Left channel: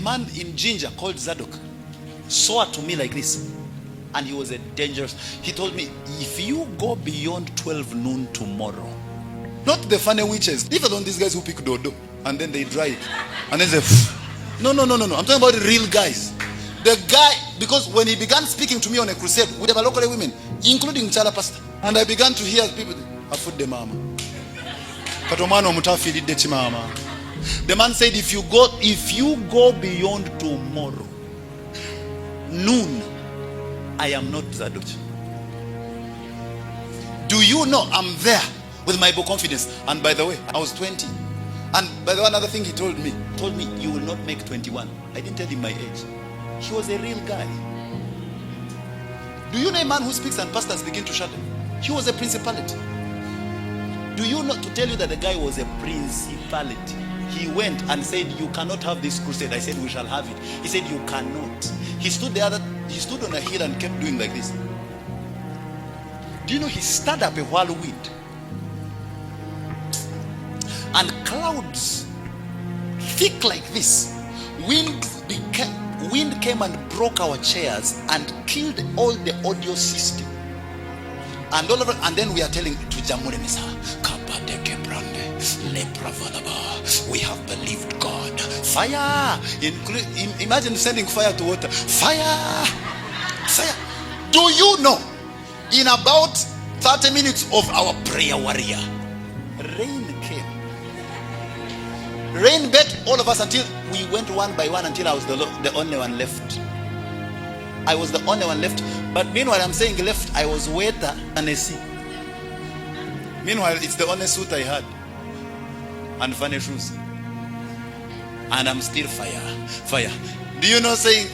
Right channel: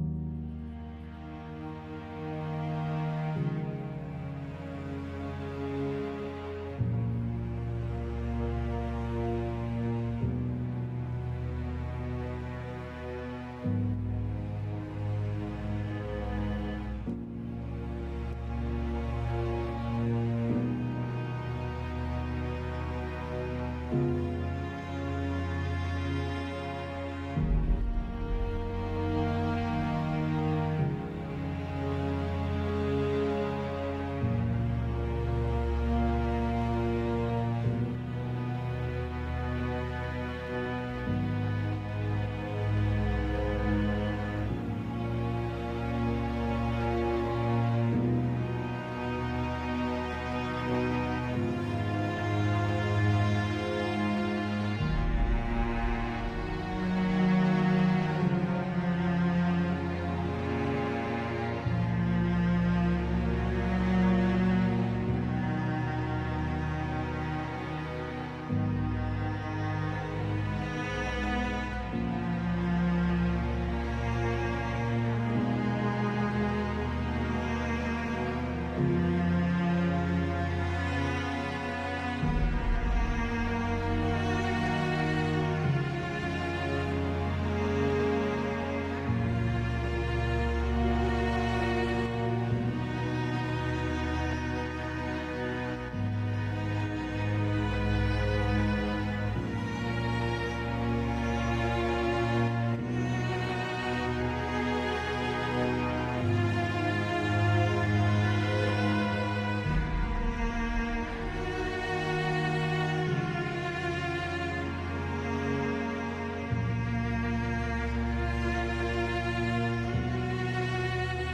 A man in Ginger called Zadok swore to me like this, and he was a dangerous. He told me, if you go beyond 12 noon tomorrow, not the funny witches, different on these guys who pick dodo and then they dry it and then say, no. I'm talking about the real guys. The guy, because when he began speaking to me on a crusade with the local women, including Chala Pastor, and I began to hear people, afood the mama. The man said, if you go beyond tomorrow, noon, I am not Zadok. Do you know I'm there with my book confidence? And by the way, I was 20. And by the way, another thing he told me, you will not make 21. I didn't tell him my age. He was a real guy. Do you know a man who speaks and pastors begin to shudder? He was a principality. Do you know, to tell you that the guy was a principality? He went and said, you cannot have this crusade. I said, we shall have it. He said, you cannot. He stood on a hill and kept doing like this. Do you know he stirred up a whirlwind? And clouds, thick like this, wind came and broke our chairs and killed all the audio system. And then we are telling to Jamune Misa, we have believed God. Fire! Imagine sending fire to water. Fire! Do you know, in about 30 minutes of our prayer warrior, rain came. Rain bet all of us until we went one by one, until I was the only one left. I was the only one left. But meanwhile, I'm saying left, I was wetter than a sea. Meanwhile, it's the only suit I had and funny shoes. And I'm still fire. Do you know, saying,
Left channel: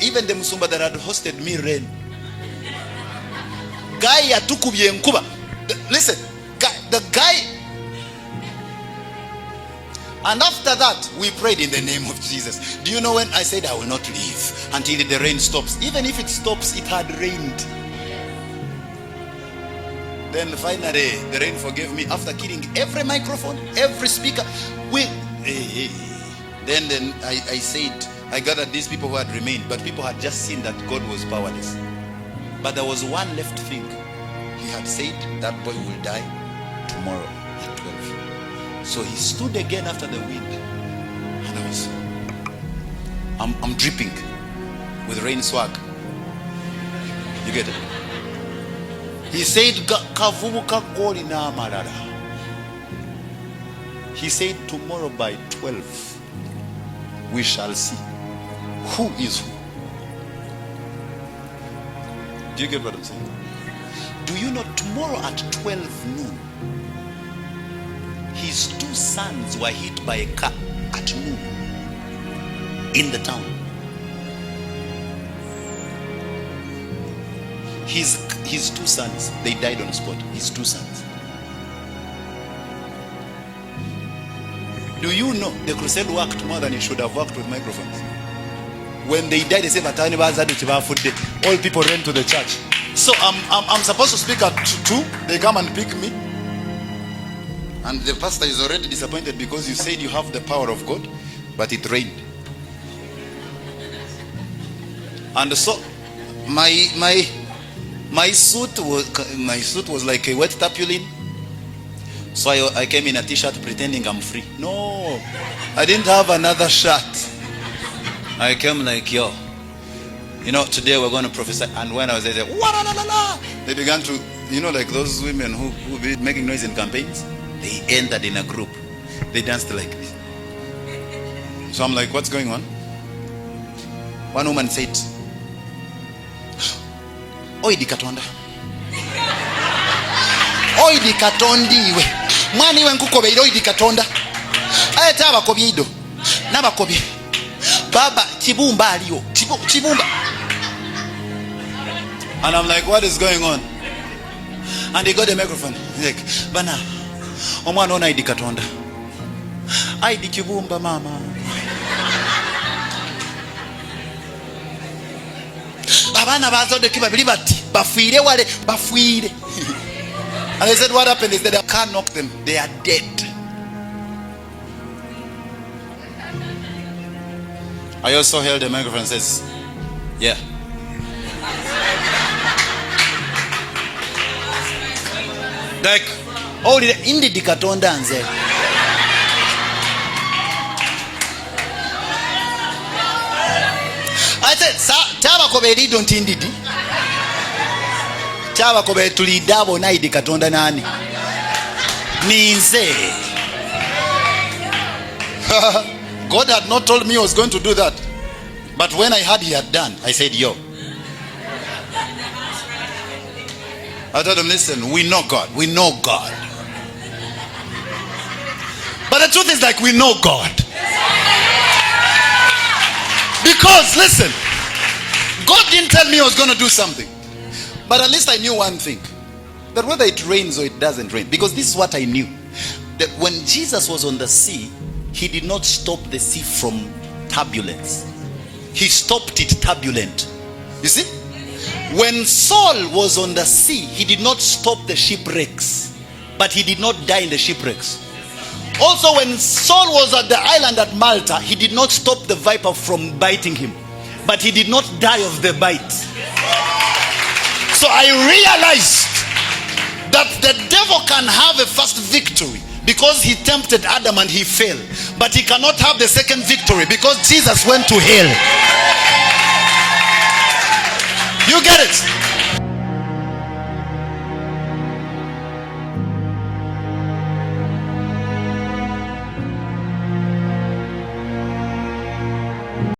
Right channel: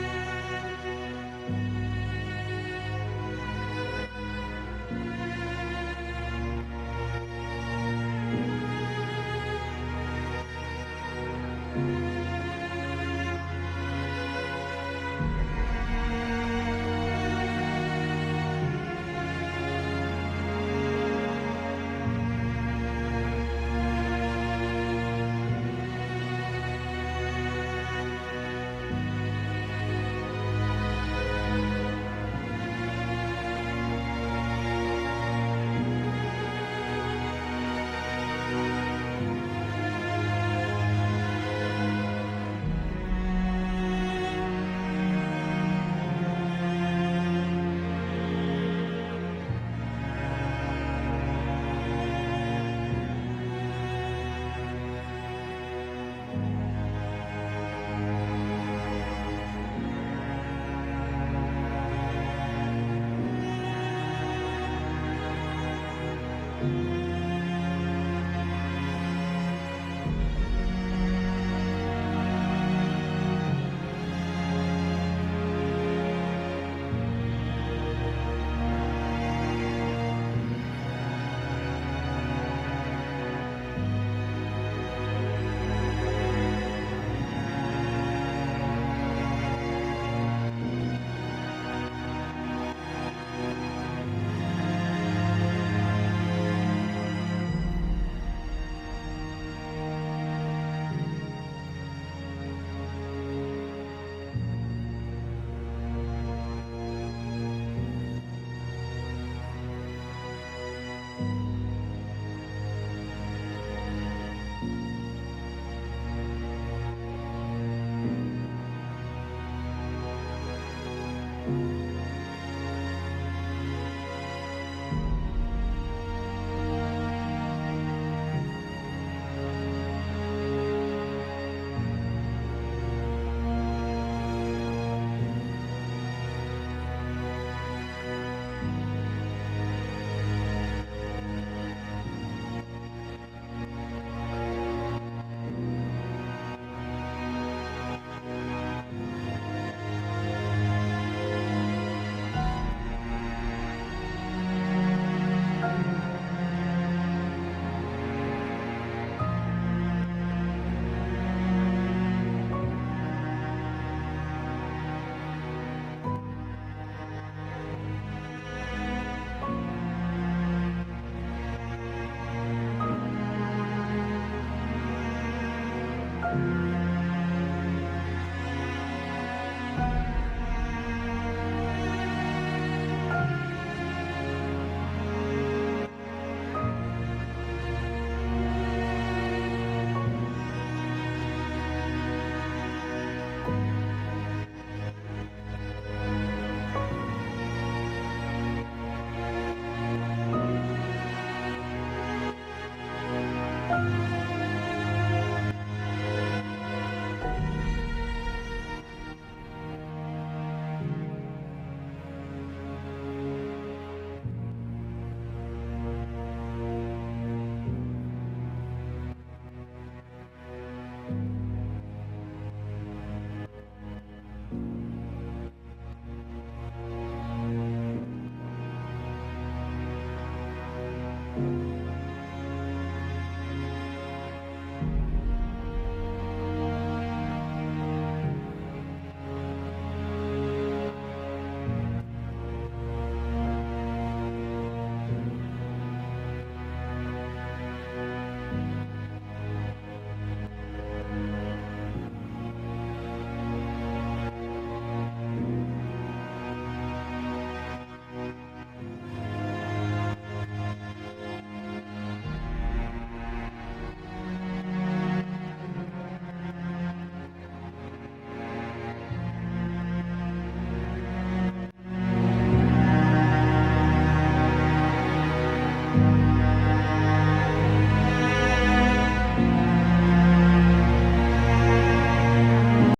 even the Musumba that had hosted me rain. Guy yatukubye nkuba. Listen, the guy. And after that, we prayed in the name of Jesus. Do you know when I said I will not leave until the rain stops? Even if it stops, it had rained. Then finally, the rain forgave me after killing every microphone, every speaker. Then I said, I gathered these people who had remained, but people had just seen that God was powerless. But there was one left thing. He had said that boy will die tomorrow at 12. So he stood again after the wind. And I'm dripping with rain swag. You get it? He said, he said, tomorrow by 12, we shall see who is who. Do you get what I'm saying? Do you know, tomorrow at 12 noon, his two sons were hit by a car at noon in the town. His two sons, they died on the spot. His two sons. Do you know the crusade worked more than it should have worked with microphones? When they died, they said, all people ran to the church. So I'm supposed to speak at 2. They come and pick me. And the pastor is already disappointed because you said you have the power of God, but it rained. And so my suit was like a wet tarpaulin. So I came in a t-shirt pretending I'm free. No, I didn't have another shirt. I came like, yo, today we're going to prophesy. And when I was there, they began to, like those women who be making noise in campaigns. They entered in a group. They danced like this. So I'm like, what's going on? One woman said, Oidi Katonda. Oidi Katondi we. Mwani we nkukobe oidi Katonda. Ayeta abakobi ido. Nabakobi. Baba chibumba aliyo. Chibumba. And I'm like, what is going on? And he got the microphone. He's like, Bana, omwana ona Oidi Katonda. Aidi chibumba mama. Abana bazode kibabili bati bafuire wale bafuire. And they said what happened is that I can't knock them, they are dead. I also held the microphone and says, yeah. Like, oh, indi dikatonda nze. I said, chaba kobe li don't indidi. Chaba kobe tulidabo na idi katonda nani. Ninze. God had not told me I was going to do that. But when I heard he had done, I said, yo. I told him, listen, we know God. We know God. But the truth is, like, we know God. Because, listen, God didn't tell me I was going to do something. But at least I knew one thing. That whether it rains or it doesn't rain. Because this is what I knew. That when Jesus was on the sea, he did not stop the sea from turbulence. He stopped it turbulent. You see? When Saul was on the sea, he did not stop the shipwrecks. But he did not die in the shipwrecks. Also, when Saul was at the island at Malta, he did not stop the viper from biting him. But he did not die of the bite. So I realized that the devil can have a first victory because he tempted Adam and he failed. But he cannot have the second victory because Jesus went to hell. You get it?